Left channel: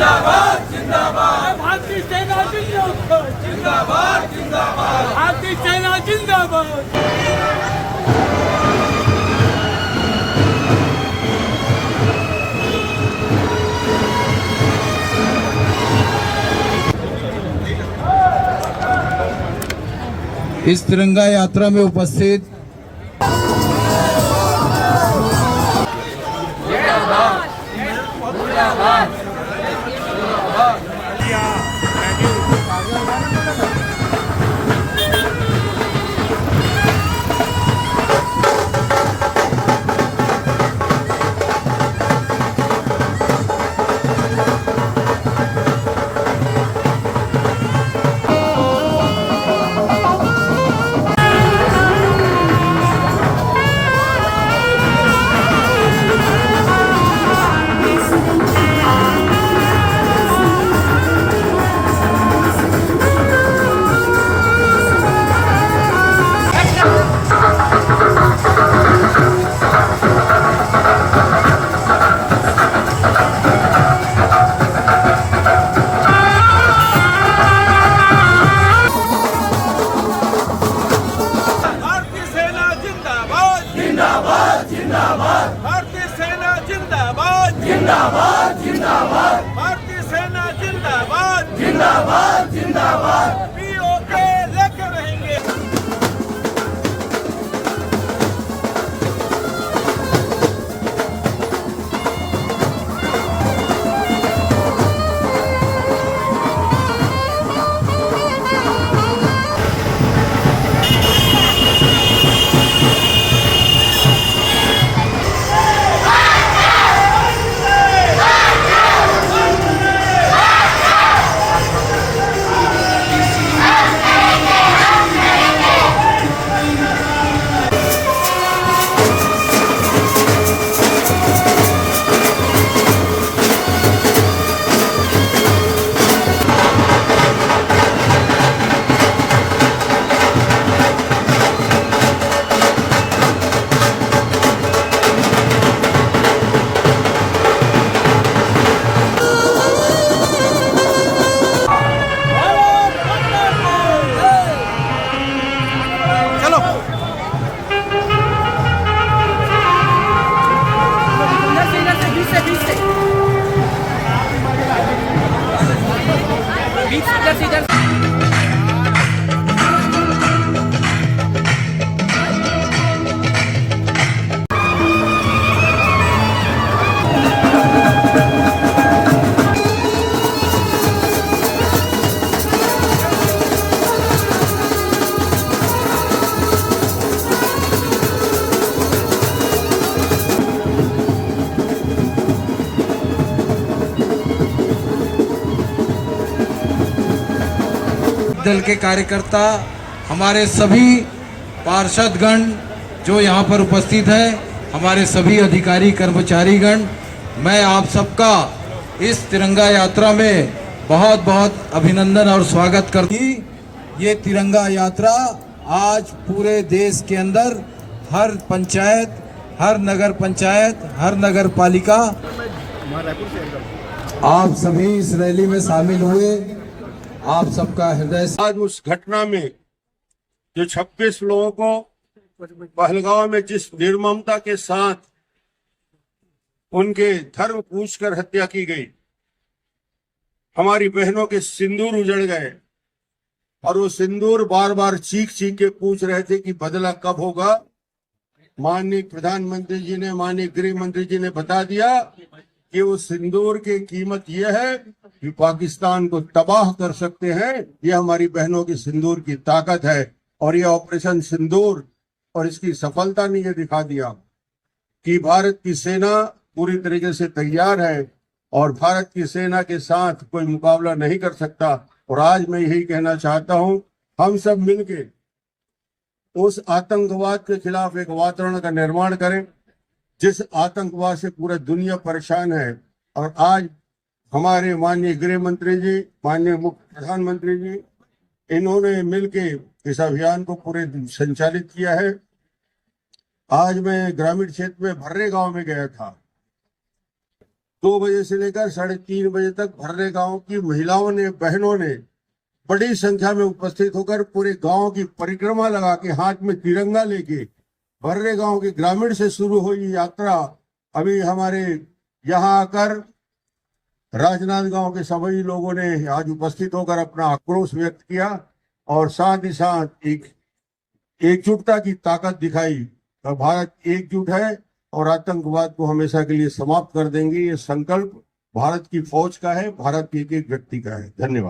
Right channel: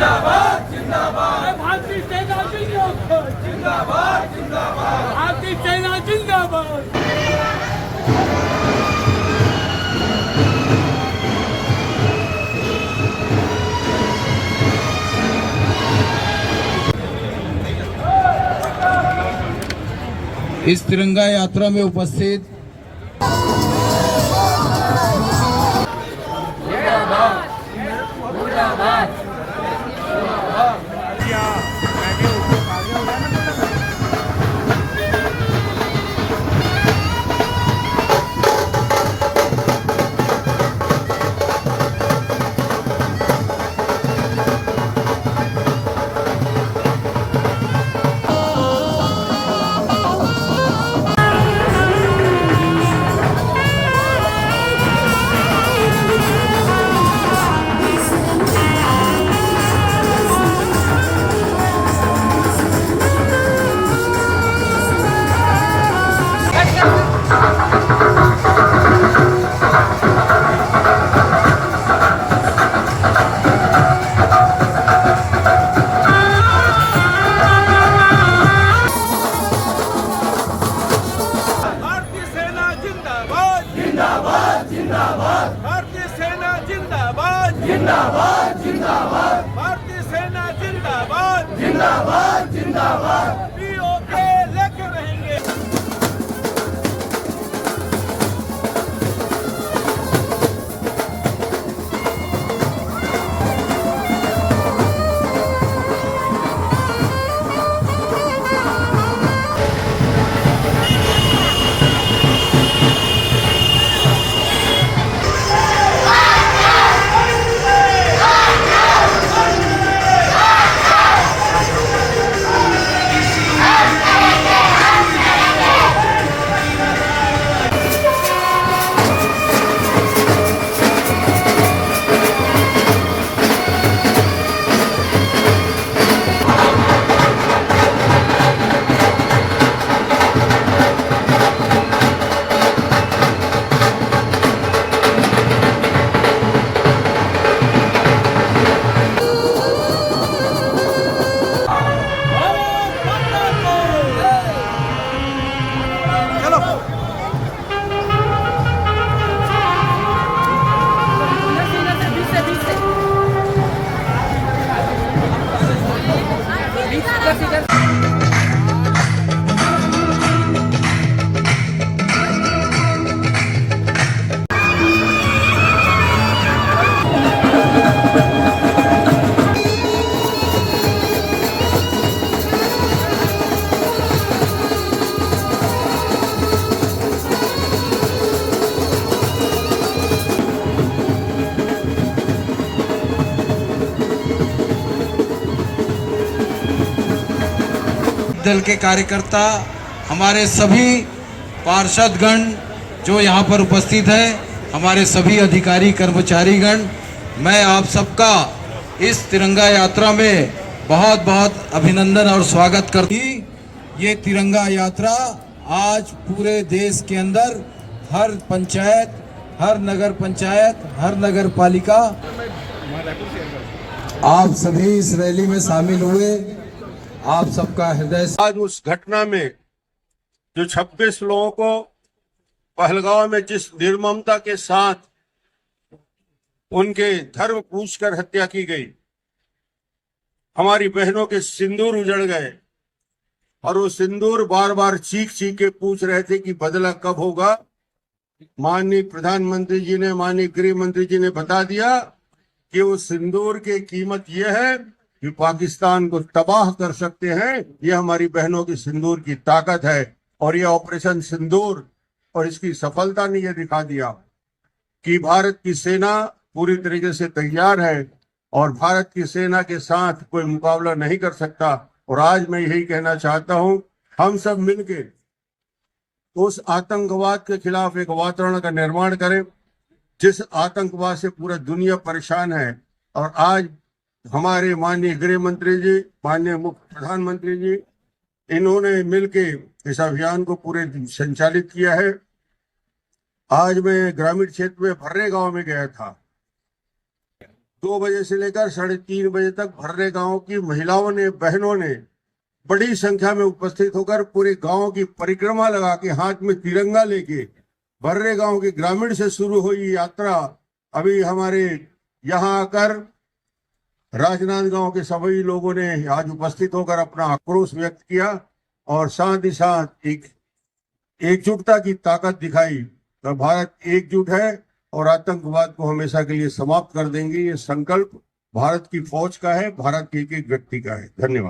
जिंदाबाद जिंदाबाद भारतीय सेना जिंदाबाद जिंदाबाद जिंदाबाद भारतीय सेना जिंदाबाद। इस तिरंगा यात्रा में उपस्थित भारतीय सेना जिंदाबाद जिंदाबाद जिंदाबाद भारतीय सेना जिंदाबाद जिंदाबाद जिंदाबाद पीओके लेके रहेंगे। दल के कार्यकर्ता, हमारे सभी पार्षदगण जो यहाँ पर उपस्थित है, हमारे सभी अधिकारी कर्मचारीगण, मैं आप सबका इस तिरंगा यात्रा में बहुत बहुत अभिनंदन और स्वागत करती हूँ। ये तिरंगा यात्रा आज पूरे देश के अंदर हर पंचायत, हर नगर पंचायत, हर नगर पालिका आप सभी इस रैली में शामिल हुए। आप सबका हृदय आज उस घटना में जो 26 लोगों को पहलगांव में जिस निर्ममता के साथ उनके धर्म पूछकर हत्या की गई, हमारी बहनों के सिंदूर उजड़ गए और वो सिंदूर बार बार चीख चीख के पूछ रहे थे कि बदला कब होगा। माननीय प्रधानमंत्री जी ने, माननीय गृह मंत्री जी ने बता दिया कि वो सिंदूर की कीमत ये है कि पाकिस्तान को तबाह कर सकते हैं। यह हमारी बहनों की सिंदूर की ताकत है और यह ऑपरेशन सिंदूर और इसकी सफलता ने यह दिखा दिया कि भारत की सेना पूरी तरीके से तैयार है और भारत की सेना के साथ कोई मुकाबला नहीं कर सकता। और आज मैं यही कहना चाहता हूं, हम सब मिलके उस आतंकवाद के खिलाफ एक वातावरण का निर्माण करें जिस आतंकवाद से पूरा दुनिया परेशान है। और आज हमारे माननीय गृह मंत्री जी, माननीय मुख्य प्रधानमंत्री जी, इन्होंने मिलके इस अभियान को पूरे संचालित किया है। आज मैं ग्रामीण क्षेत्र में भर्रे गांव में गया था। 2 बजे से लेकर 3:30 बजे तक भर्रे गांव की महिलाओं ने, बहनों ने बड़ी संख्या में उपस्थित होकर पूरे गांव की परिक्रमा लगा के हाथ में तिरंगा लेके भर्रे गांव के ग्रामीण से शुरू हुई यात्रा अभी हमारे यहाँ आकर राजनांदगांव के सभी लोगों ने आज उपस्थित होकर अपना आक्रोश व्यक्त किया और साथ ही साथ एक एकजुटता की ताकत दिखाई। तो भारत एकजुट है और आतंकवाद को हमेशा के लिए समाप्त कर देंगे। ये संकल्प भारत की फौज का है, भारत के एक एक व्यक्ति का है। धन्यवाद।